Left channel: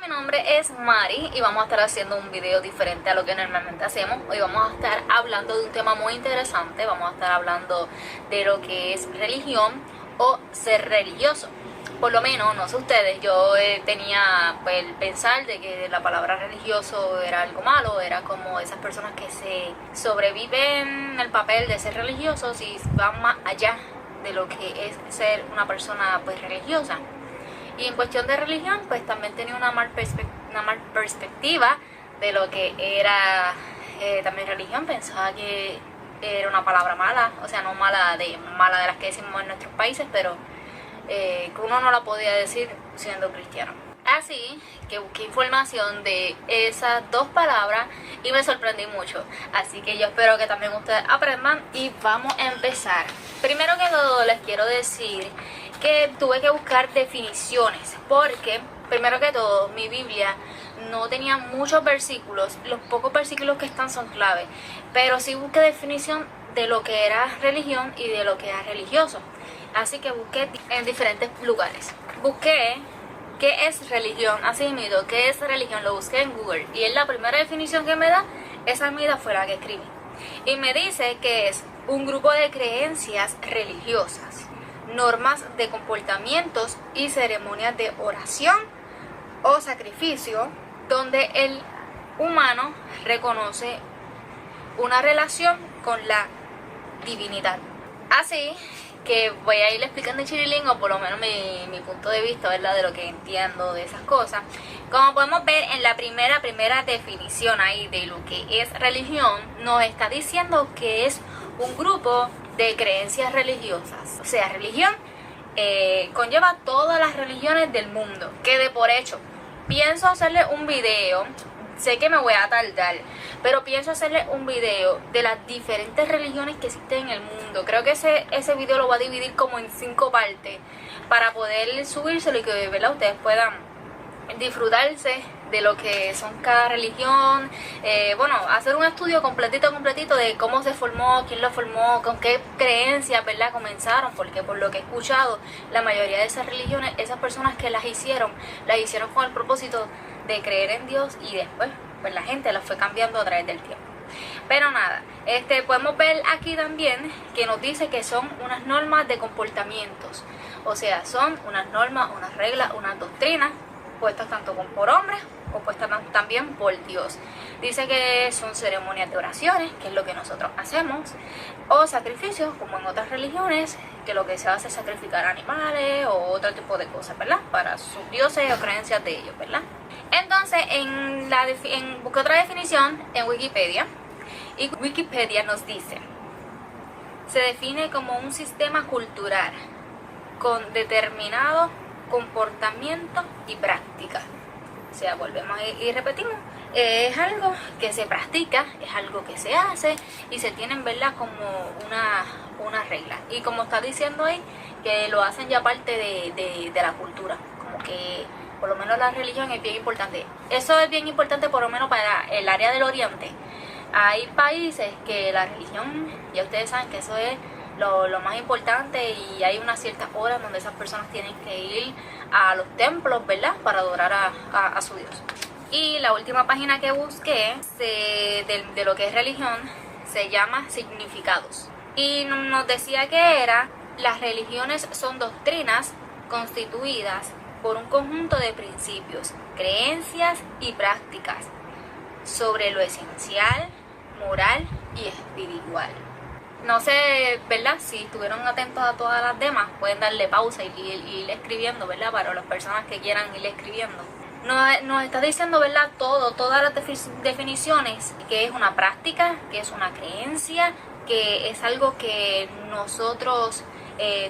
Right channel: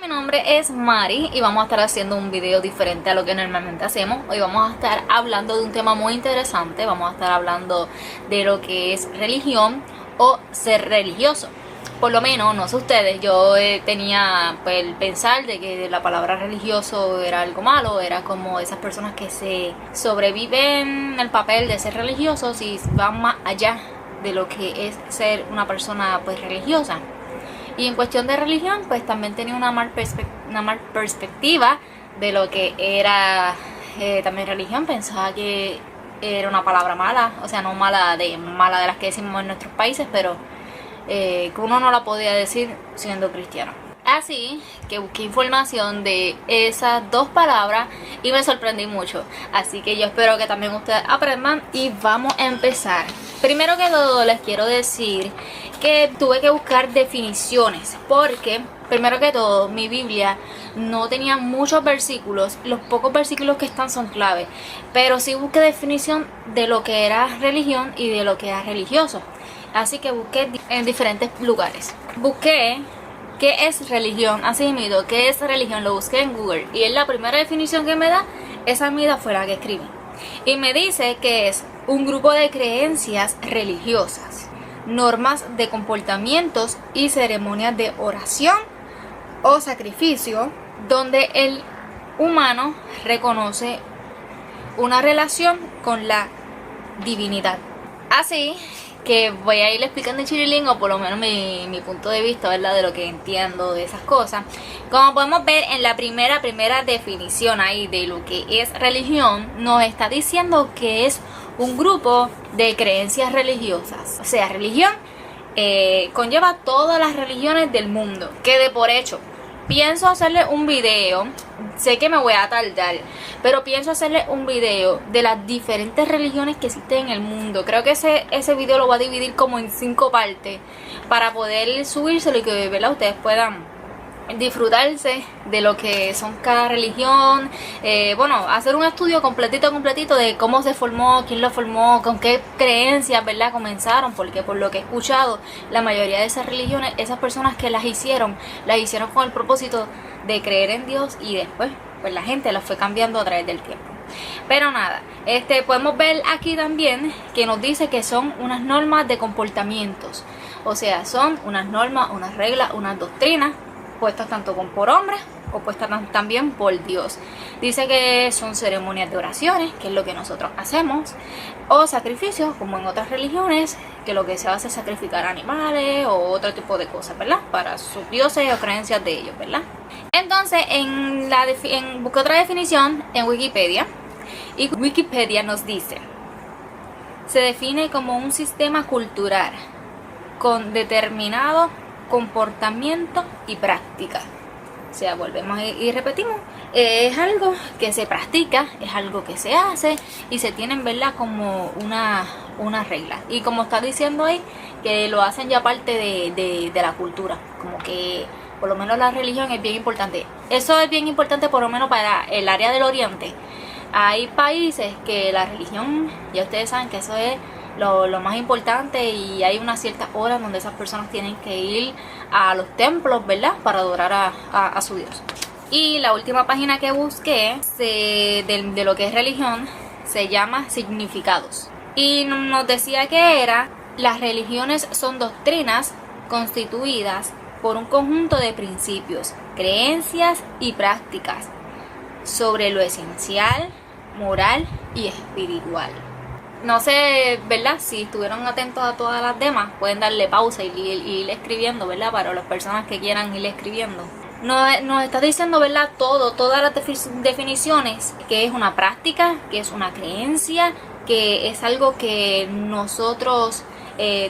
Mi nombre es Mari y vamos a estar haciendo un video diferente a lo que normalmente hacemos. Hoy vamos a estar hablando de un tema muy interesante. Vamos a estar hablando de lo que es religión o ser religioso. Por lo menos, no sé ustedes, yo tenía pues, el pensar de que la palabra religioso era algo malo. Era como esas personas que se sobreviven el papel de ser religiosos y van más allá de lo que es ser una persona pues religiosa. Y en cuestión de religión, pues también tenía una mal perspectiva de lo que era también religión. Pensaba que era una palabra mala, o sea, no mala de las que decimos en nuestros países, pero que uno no la podía decir siendo cristiano. Así que busqué información de esas dos palabras y me sorprendí mucho. Así que yo espero que también ustedes aprendan y vamos a empezar. Primero que todo les quiero decir que tuve que buscar definiciones porque, primero que todo, mi Biblia no tenía muchos versículos. Los pocos versículos que están son clave, pero sí busqué definición de lo que era religión y de lo que era religioso. Así que busqué en diferentes lugares. Busqué ¿qué es religión? Así mismo, ¿qué es religión? Lo busqué en Google y es la primera definición que me da. Esa misma fue la que escribí. Y me dice que es un grupo de creencias religiosas, normas de comportamientos y ceremonias de oración o sacrificio donde el humano reconoce una relación con la divinidad. Así que voy a ir explicando en chirilingo, por lo menos mi punto de vista, ¿verdad? De lo que entiendo de esas cosas. Como podemos ver en la primera definición ahí de lo que es religión, nos está diciendo que es un grupo de creencias religiosas. O sea, religión conlleva todas las religiones del mundo. Que de por hecho, pienso hacerle un video, sé que me voy a tardar, pero pienso hacerle un video de las diferentes religiones que existen en el mundo. Creo que ese video lo voy a dividir como en 5 partes para poder subírselo y que, ¿verdad?, ustedes puedan disfrutarse de lo que son cada religión. Bueno, hacer un estudio completito de cómo se formó, quién lo formó, con qué creencias, ¿verdad?, comenzaron, porque por lo que he escuchado, la mayoría de esas religiones, esas personas que las hicieron con el propósito de creer en Dios y después pues la gente las fue cambiando a través del tiempo. Pero nada, podemos ver aquí también que nos dice que son unas normas de comportamientos, o sea, son unas normas, unas reglas, unas doctrinas puestas tanto por hombres o puestas también por Dios. Dice que son ceremonias de oraciones, que es lo que nosotros hacemos, o sacrificios, como en otras religiones, que lo que se hace es sacrificar animales o otro tipo de cosas, ¿verdad?, para sus dioses o creencias de ellos, ¿verdad? Entonces, busqué otra definición en Wikipedia, y Wikipedia nos dice: se define como un sistema cultural con determinado comportamiento y práctica. O sea, volvemos y repetimos, es algo que se practica, es algo que se hace y se tienen, ¿verdad?, como una regla. Y como está diciendo ahí, que lo hacen ya parte de la cultura, como que por lo menos la religión es bien importante. Eso es bien importante por lo menos para el área del Oriente. Hay países que la religión, ya ustedes saben que eso es lo más importante, y hay una cierta hora donde esas personas tienen que ir a los templos, ¿verdad?, para adorar a su Dios. Y la última página que busqué de lo que es religión se llama Significados, y nos decía que las religiones son doctrinas constituidas por un conjunto de principios, creencias y prácticas sobre lo esencial, moral y espiritual. No sé, ¿verdad?, si estuvieron atentos a todas las demás, pueden darle pausa y ir escribiendo, ¿verdad?, para las personas que quieran ir escribiendo. Nos está diciendo, ¿verdad?, todas las definiciones, que es una práctica, que es una creencia, que es algo que nosotros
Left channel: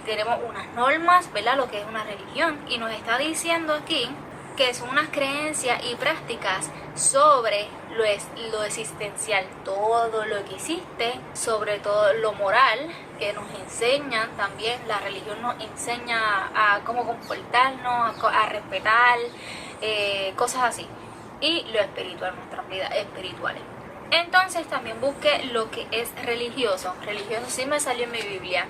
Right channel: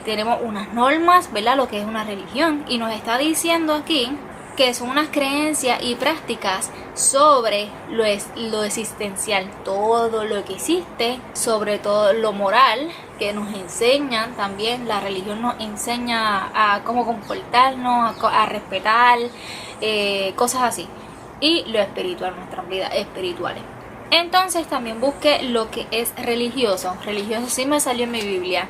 tenemos unas normas, ¿verdad?, lo que es una religión. Y nos está diciendo aquí que son unas creencias y prácticas sobre lo existencial, todo lo que existe, sobre todo lo moral, que nos enseñan también. La religión nos enseña a cómo comportarnos, a respetar, cosas así, y lo espiritual, nuestras vidas espirituales. Entonces también busqué lo que es religioso. Religioso sí me salió en mi Biblia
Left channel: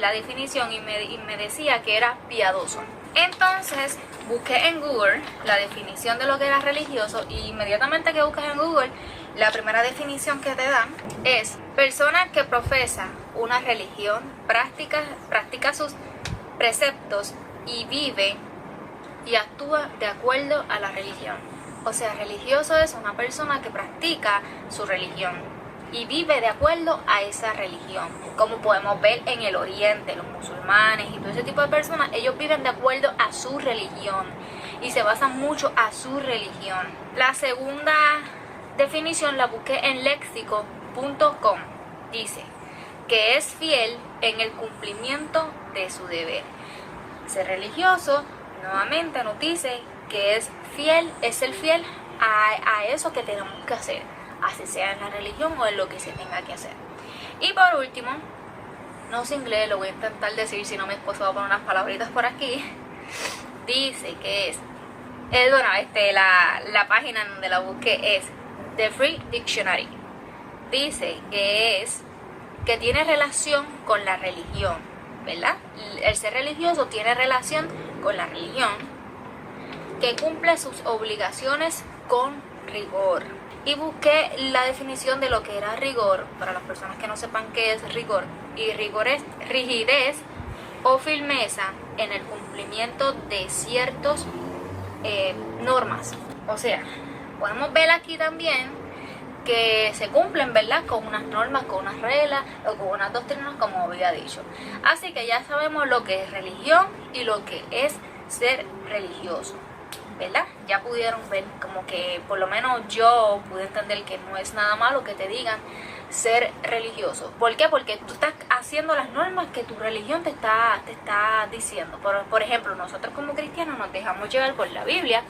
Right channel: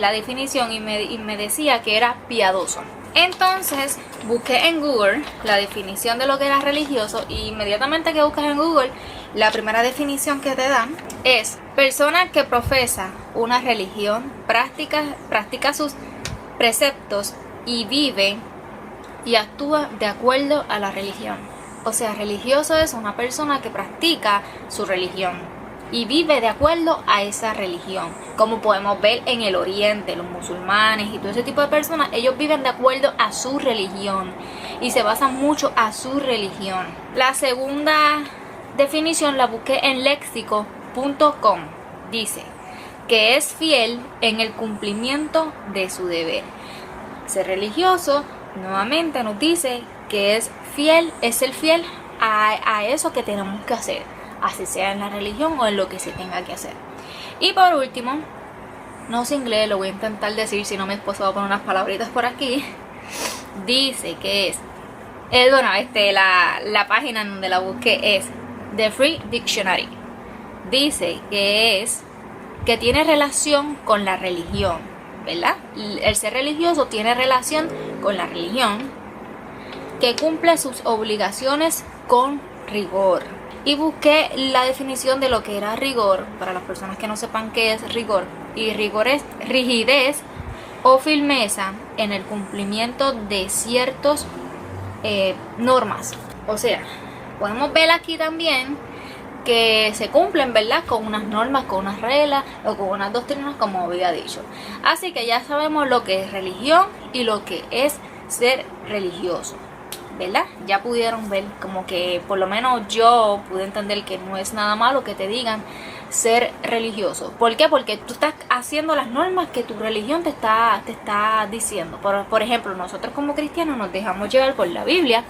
la definición, y me decía que era piadoso. Entonces busqué en Google la definición de lo que era religioso y inmediatamente que buscas en Google, la primera definición que te dan es persona que profesa una religión, practica sus preceptos y vive y actúa de acuerdo a la religión. O sea, religioso es una persona que practica su religión y vive de acuerdo a esa religión. Como podemos ver en el oriente, los musulmanes y todo ese tipo de personas, ellos viven de acuerdo a su religión y se basan mucho a su religión. La segunda definición la busqué en lexico.com. Dice que es fiel en el cumplimiento de su deber. Ser religioso, nuevamente nos dice que es ser fiel a eso que tenemos que hacer, así sea en la religión o en lo que se tenga que hacer. Y por último, no sé inglés, lo voy a intentar decir, si no mi esposo va a poner unas palabritas por aquí. Dice que es, la página en donde la busqué es The Free Dictionary. Dice que tiene relación con la religión, ¿verdad? El ser religioso tiene relación con la religión, que cumple sus obligaciones con rigor. Y busqué la definición de lo que era rigor, para las personas que no sepan qué es rigor. Y rigor es rigidez o firmeza en el cumplimiento de ciertas normas. O sea, podemos ver aquí también que se cumplen, ¿verdad?, con unas normas, con unas reglas o con unas doctrinas, como había dicho. Así que ya sabemos lo que es religión y lo que es ser religioso, ¿verdad? Ya pudieron ver, como que por lo menos yo pude entender que no es nada malo que te digan ser religioso. ¿Por qué? Porque tú estás haciendo las normas que tu religión te está diciendo. Por ejemplo, nosotros como cristianos nos dejamos llevar por la Biblia,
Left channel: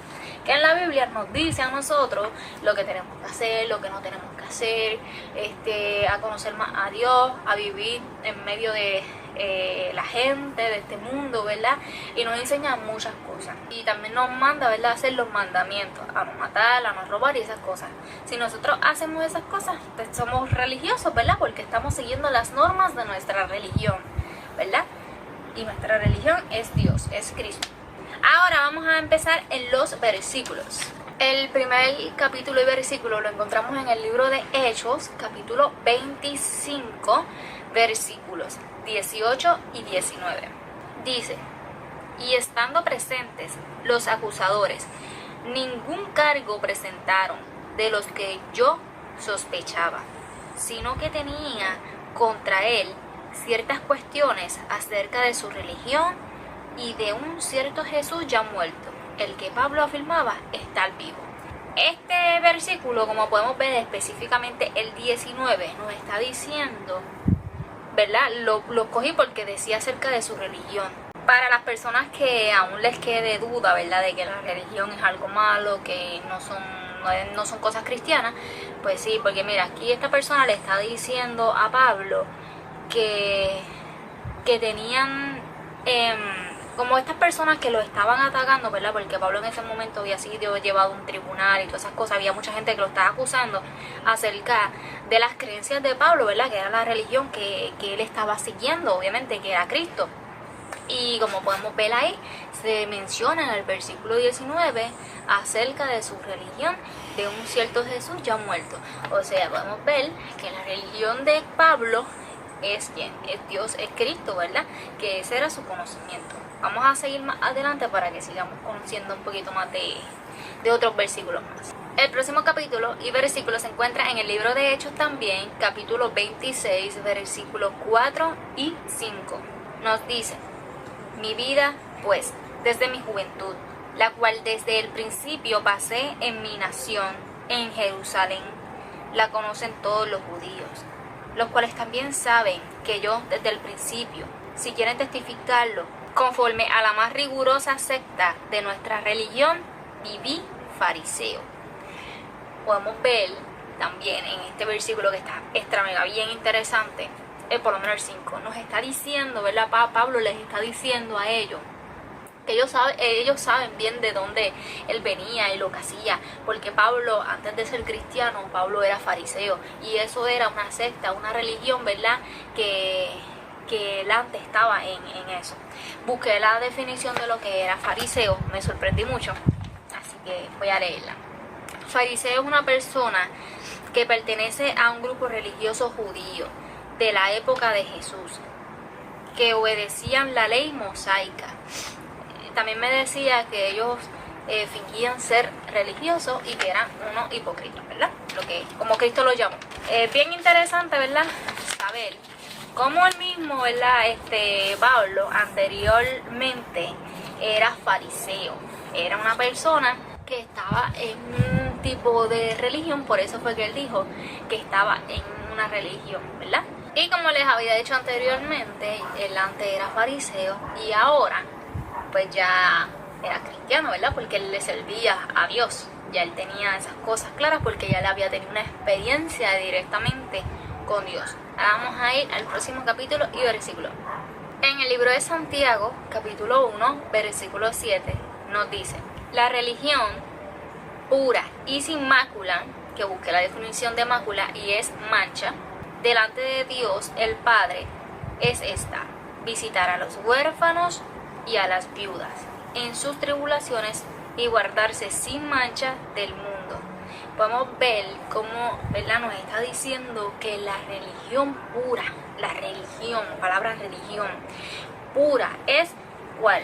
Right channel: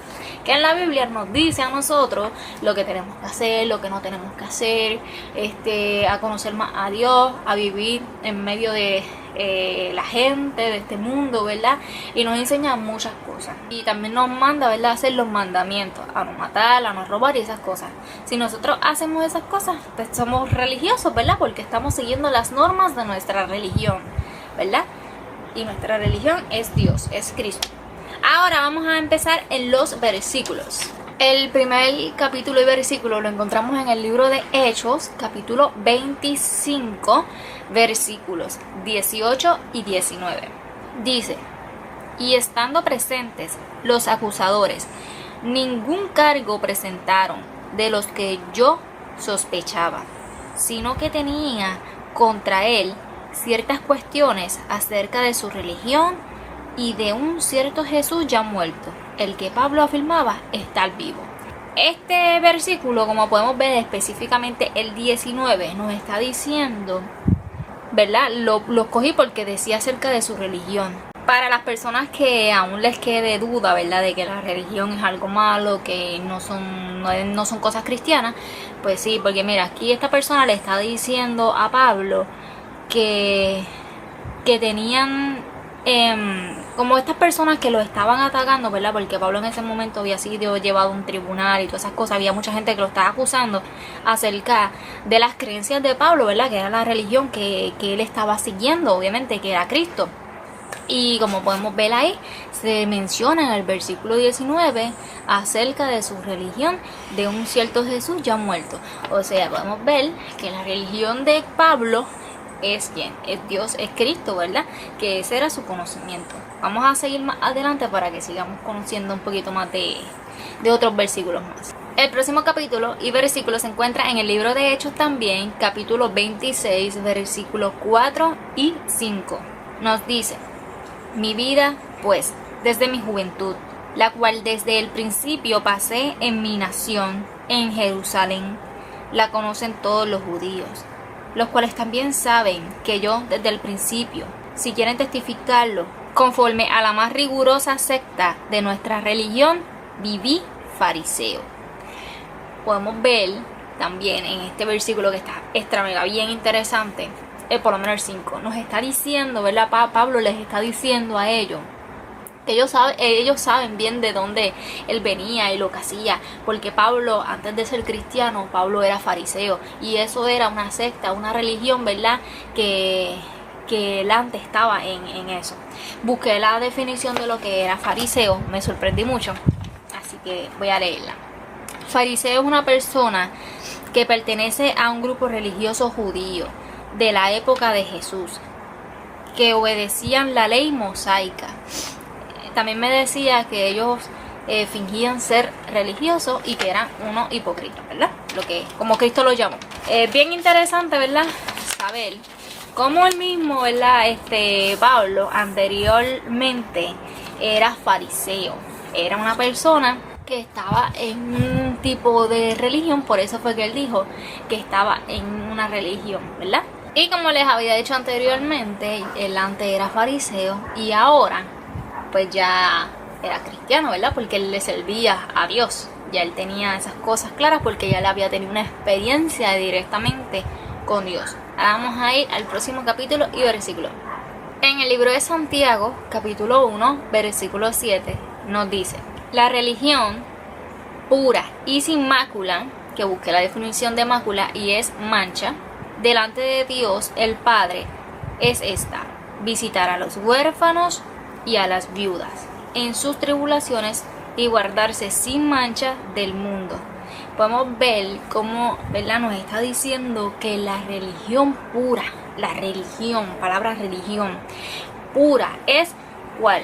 que en la Biblia nos dice a nosotros lo que tenemos que hacer, lo que no tenemos que hacer, a conocer más a Dios, a vivir en medio de la gente de este mundo, ¿verdad? Y nos enseña muchas cosas. Y también nos manda, ¿verdad?, a hacer los mandamientos, a no matar, a no robar y esas cosas. Si nosotros hacemos esas cosas, pues somos religiosos, ¿verdad? Porque estamos siguiendo las normas de nuestra religión, ¿verdad? Y nuestra religión es Dios, es Cristo. Ahora vamos a empezar en los versículos. El primer capítulo y versículo lo encontramos en el libro de Hechos, capítulo 25, versículos 18 y 19. Dice: y estando presentes los acusadores, ningún cargo presentaron de los que yo sospechaba, sino que tenía contra él ciertas cuestiones acerca de su religión y de un cierto Jesús ya muerto, el que Pablo afirmaba estar vivo. Este versículo, como podemos ver específicamente el 19, nos está diciendo, ¿verdad? Lo cogí porque decía acerca de su religión. Para las personas que aún les quede duda, ¿verdad?, de que la religión es algo malo, que no son cosas cristianas, pues sí, porque mira, aquí esta persona le está diciendo a Pablo que tenían como estas personas que lo estaban atacando, ¿verdad? Porque Pablo en ese momento había sido llevado a un tribunal y todas esas cosas. Había mucha gente que lo estaba acusando acerca de las creencias de Pablo, ¿verdad? Que era la religión que él estaba siguiendo, obviamente, que era Cristo. Y como podemos ver ahí, se menciona en el versículo 19 acerca de su religión, de un cierto Jesús ya muerto. O sea, podemos ver que la religión de Pablo es quien, es Dios, es Cristo, ¿verdad? Que ese era su conocimiento. Vamos a seguir más adelante para que sigamos conociendo un poquito más de otros versículos más. El próximo capítulo y versículo se encuentra en el libro de Hechos también, capítulo 26, versículos 4 y 5. Nos dice: mi vida, pues, desde mi juventud, la cual desde el principio pasé en mi nación, en Jerusalén, la conocen todos los judíos, los cuales también saben que yo desde el principio, si quieren testificarlo, conforme a la más rigurosa secta de nuestra religión, viví fariseo. Podemos ver también en este versículo que está extra mega bien interesante, por lo menos el 5, nos está diciendo, ¿verdad? Pablo les está diciendo a ellos que ellos saben bien de dónde él venía y lo que hacía, porque Pablo, antes de ser cristiano, Pablo era fariseo, y eso era una secta, una religión, ¿verdad?, que que él antes estaba en eso. Busqué la definición de lo que era fariseo, me sorprendí mucho, así que voy a leerla. Fariseo es una persona que pertenece a un grupo religioso judío de la época de Jesús, que obedecían la ley mosaica. También me decía que ellos fingían ser religiosos y que eran unos hipócritas, ¿verdad? Lo que como Cristo lo llamó. Es bien interesante, ¿verdad? Saber cómo el mismo, ¿verdad? Pablo anteriormente era fariseo. Era una persona que estaba en un tipo de religión, por eso fue que él dijo que estaba en una religión, ¿verdad? Y como les había dicho anteriormente, él antes era fariseo y ahora pues ya era cristiano, ¿verdad? Porque él le servía a Dios. Ya él tenía esas cosas claras porque ya él había tenido una experiencia directamente con Dios. Ahora vamos a ir al próximo capítulo y versículo. En el libro de Santiago, capítulo 1, versículo 7, nos dice: la religión pura y sin mácula, que busqué la definición de mácula y es mancha, delante de Dios el Padre, es esta: visitar a los huérfanos y a las viudas en sus tribulaciones y guardarse sin mancha del mundo. Podemos ver cómo, ¿verdad?, nos está diciendo que la religión pura, la religión, palabra religión pura, es ¿cuál?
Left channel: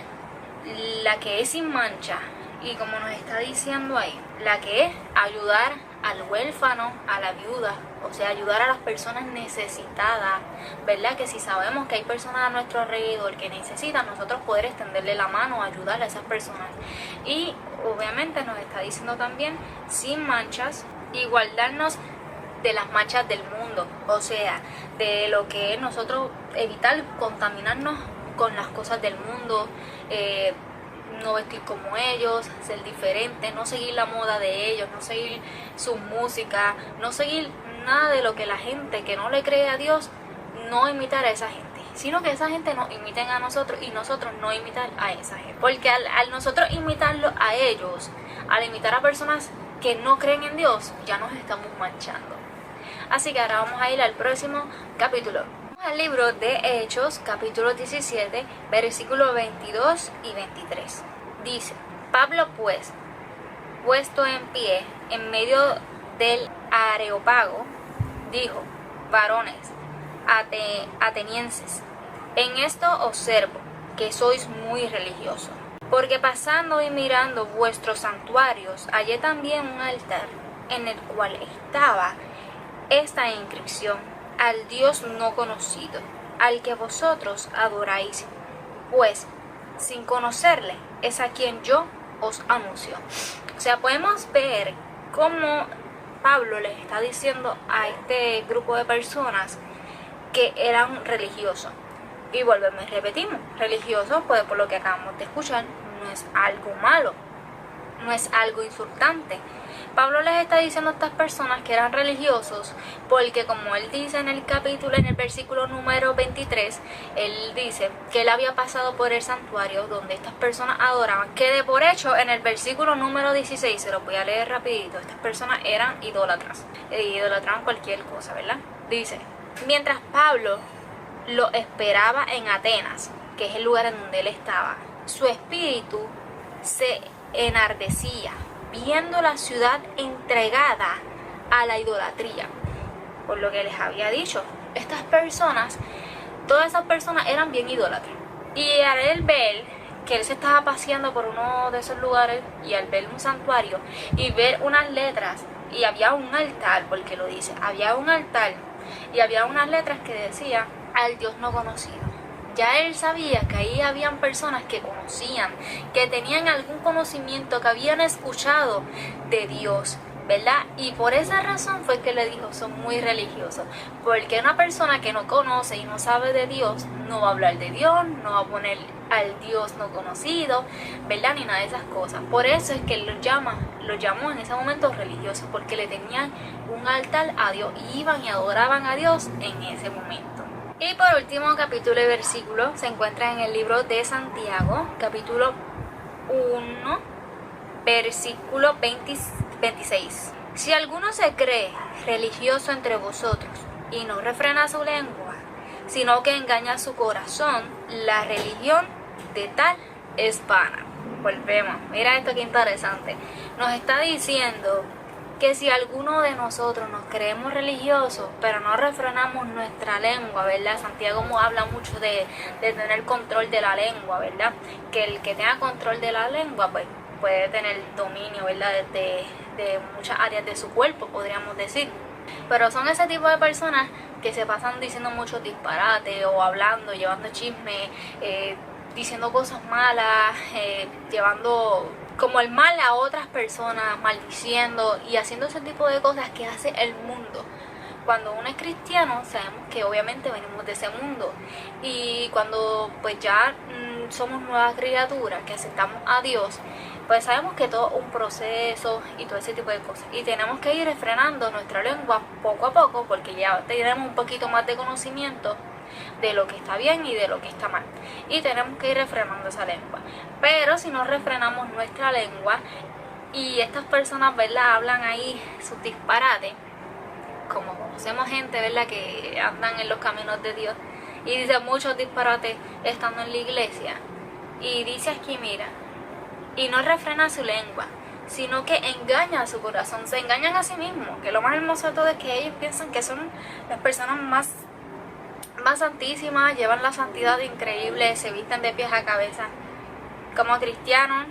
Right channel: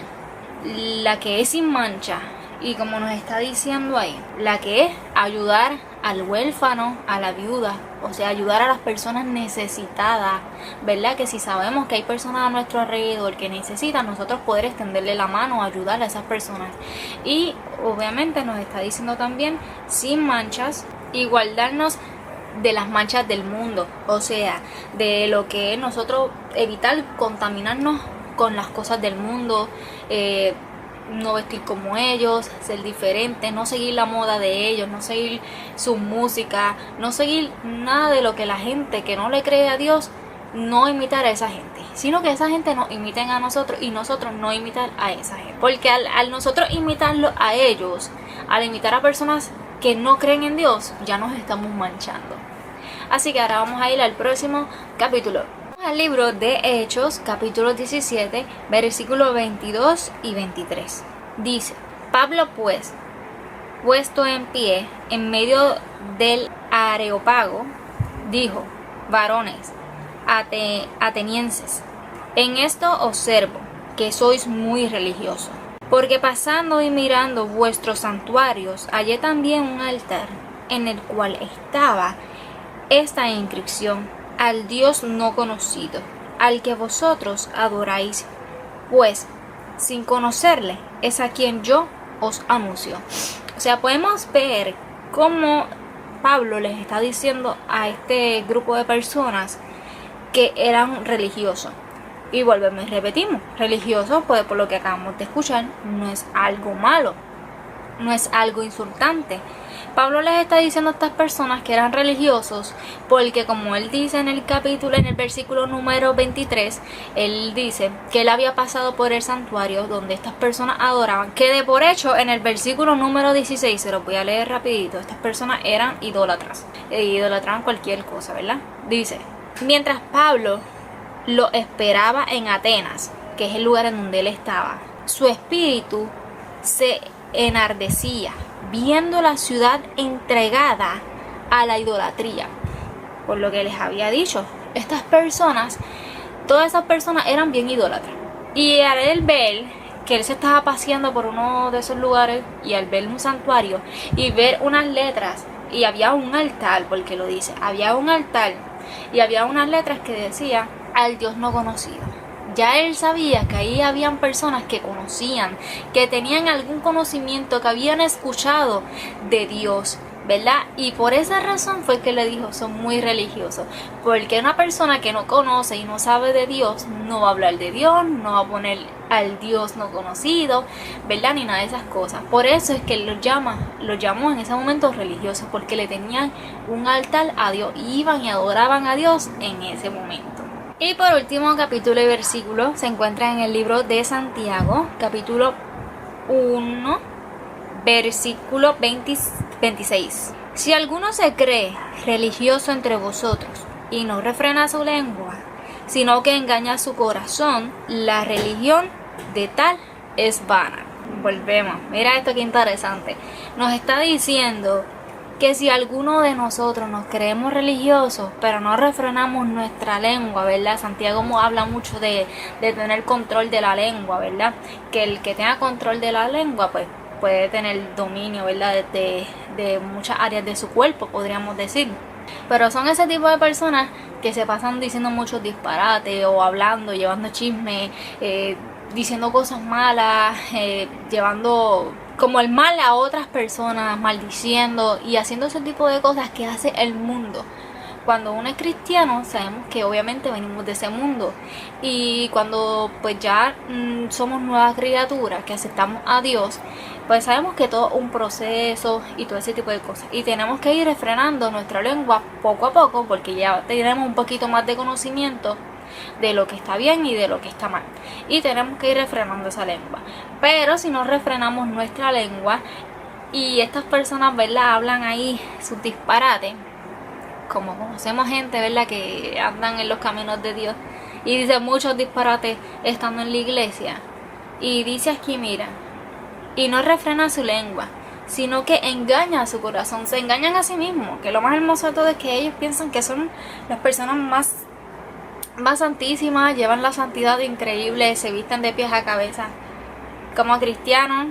La que es sin mancha. Y como nos está diciendo ahí, la que es ayudar al huérfano, a la viuda, o sea, ayudar a las personas necesitadas, ¿verdad? Que si sabemos que hay personas a nuestro alrededor que necesitan, nosotros poder extenderle la mano, ayudar a esas personas. Y obviamente nos está diciendo también sin manchas y guardarnos de las manchas del mundo, o sea, de lo que es nosotros evitar contaminarnos con las cosas del mundo, no vestir como ellos, ser diferente, no seguir la moda de ellos, no seguir su música, no seguir nada de lo que la gente que no le cree a Dios, no imitar a esa gente, sino que esa gente nos imiten a nosotros y nosotros no imitar a esa gente. Porque al nosotros imitarlo a ellos, al imitar a personas que no creen en Dios, ya nos estamos manchando. Así que ahora vamos a ir al próximo capítulo. Al libro de Hechos, capítulo 17, versículos 22 y 23. Dice: Pablo pues, puesto en pie en medio del Areópago, dijo: varones atenienses, en esto observo que sois muy religiosos, porque pasando y mirando vuestros santuarios, hallé también un altar en el cual estaba esta inscripción: al Dios no conocido, al que vosotros adoráis, pues sin conocerle es a quien yo os anuncio. O sea, podemos ver cómo Pablo les está diciendo a este grupo de personas que eran religiosos. Y volvemos y repetimos, religiosos, pues por lo que acabamos de escuchar, no es algo malo, no es algo insultante. Pablo les está diciendo a estas personas que eran religiosos porque, como él dice en el capítulo, en el versículo número 23, él dice que él había pasado por el santuario donde estas personas adoraban, que de por hecho en el versículo número 16, se lo voy a leer rapidito, estas personas eran idólatras, idolatraban cualquier cosa, ¿verdad? Dice: mientras Pablo lo esperaba en Atenas, que es el lugar en donde él estaba, su espíritu se enardecía viendo la ciudad entregada a la idolatría. Por lo que les había dicho, estas personas, todas esas personas eran bien idólatras. Y al él ver que él se estaba paseando por uno de esos lugares y al ver un santuario y ver unas letras, y había un altar, porque lo dice, había un altar y había unas letras que decía: al Dios no conocido. Ya él sabía que ahí habían personas que conocían, que tenían algún conocimiento, que habían escuchado de Dios, ¿verdad? Y por esa razón fue que le dijo: son muy religiosos. Porque una persona que no conoce y no sabe de Dios, no va a hablar de Dios, no va a poner al Dios no conocido, ¿verdad? Ni nada de esas cosas. Por eso es que él los llamó en ese momento religiosos, porque le tenían un altar a Dios, y iban y adoraban a Dios en ese momento. Y por último, capítulo y versículo se encuentra en el libro de Santiago, capítulo 1, versículo 26. Si alguno se cree religioso entre vosotros y no refrena su lengua, sino que engaña su corazón. La religión de tal es vana. Volvemos, mira esto que interesante. Nos está diciendo que si alguno de nosotros nos creemos religiosos, pero no refrenamos nuestra lengua, ¿verdad? Santiago habla mucho de tener control de la lengua, ¿verdad? Que el que tenga control de la lengua, pues puede tener dominio, ¿verdad? De muchas áreas de su cuerpo, podríamos decir. Pero son ese tipo de personas que se pasan diciendo muchos disparates o hablando, llevando chisme, diciendo cosas malas, llevando como el mal a otras personas, maldiciendo y haciendo ese tipo de cosas que hace el mundo. Cuando uno es cristiano, sabemos que obviamente venimos de ese mundo, y cuando pues ya somos nuevas criaturas que aceptamos a Dios, pues sabemos que todo es un proceso y todo ese tipo de cosas, y tenemos que ir refrenando nuestra lengua poco a poco, porque ya tenemos un poquito más de conocimiento de lo que está bien y de lo que está mal, y tenemos que ir refrenando esa lengua. Pero si no refrenamos nuestra lengua y estas personas, ¿verdad?, hablan ahí sus disparates, como conocemos gente, ¿verdad?, que andan en los caminos de Dios y dicen muchos disparates estando en la iglesia, y dice aquí, mira, y no refrena su lengua, sino que engaña a su corazón. Se engañan a sí mismos, que lo más hermoso de todo es que ellos piensan que son las personas más santísimas, llevan la santidad increíble, se visten de pies a cabeza como cristianos,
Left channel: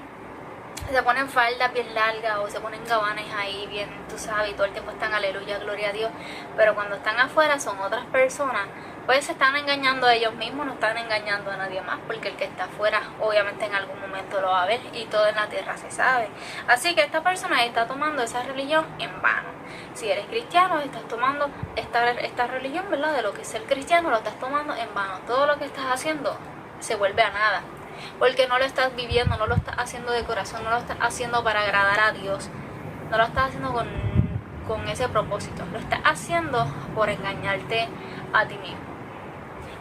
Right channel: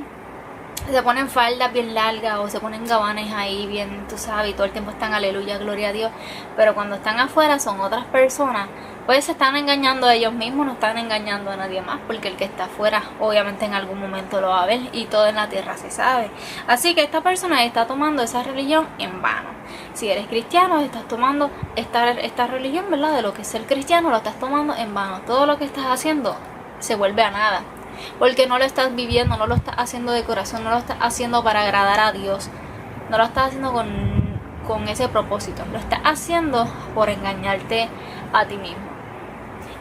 se ponen faldas bien largas o se ponen gabanes ahí bien, tú sabes, y todo el tiempo están aleluya, gloria a Dios, pero cuando están afuera son otras personas. Pues se están engañando a ellos mismos, no están engañando a nadie más, porque el que está afuera obviamente en algún momento lo va a ver, y todo en la tierra se sabe. Así que esta persona está tomando esa religión en vano. Si eres cristiano, estás tomando esta religión, ¿verdad?, de lo que es ser cristiano, lo estás tomando en vano. Todo lo que estás haciendo se vuelve a nada, porque no lo estás viviendo, no lo estás haciendo de corazón, no lo estás haciendo para agradar a Dios, no lo estás haciendo con ese propósito, lo estás haciendo por engañarte a ti mismo.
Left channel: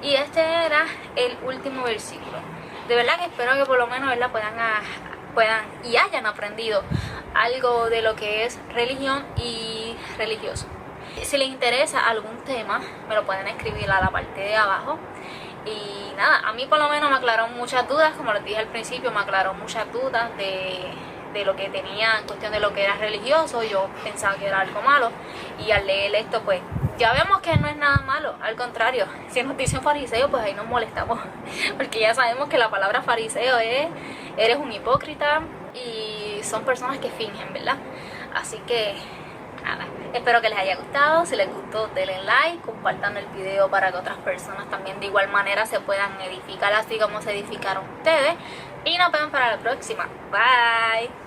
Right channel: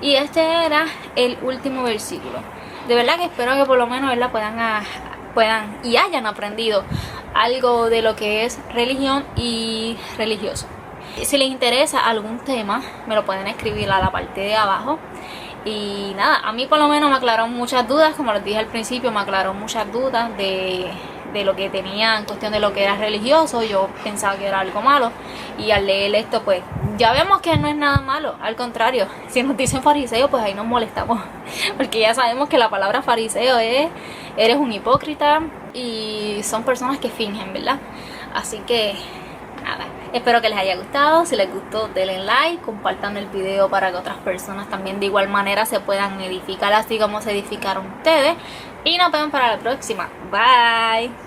Y este era el último versículo. De verdad que espero que por lo menos, ¿verdad?, puedan y hayan aprendido algo de lo que es religión y religioso. Si les interesa algún tema, me lo pueden escribir a la parte de abajo. Y nada, a mí por lo menos me aclararon muchas dudas, como les dije al principio, me aclararon muchas dudas de lo que tenía en cuestión de lo que era religioso. Yo pensaba que era algo malo, y al leer esto pues ya vemos que no es nada malo, al contrario, si nos dicen fariseo pues ahí nos molestamos, porque ya sabemos que la palabra fariseo es, eres un hipócrita, y son personas que fingen, ¿verdad? Así que nada, espero que les haya gustado. Si les gustó, denle like, compartan el video para que otras personas también de igual manera se puedan edificar así como se edificaron ustedes, y nos vemos para la próxima. Bye.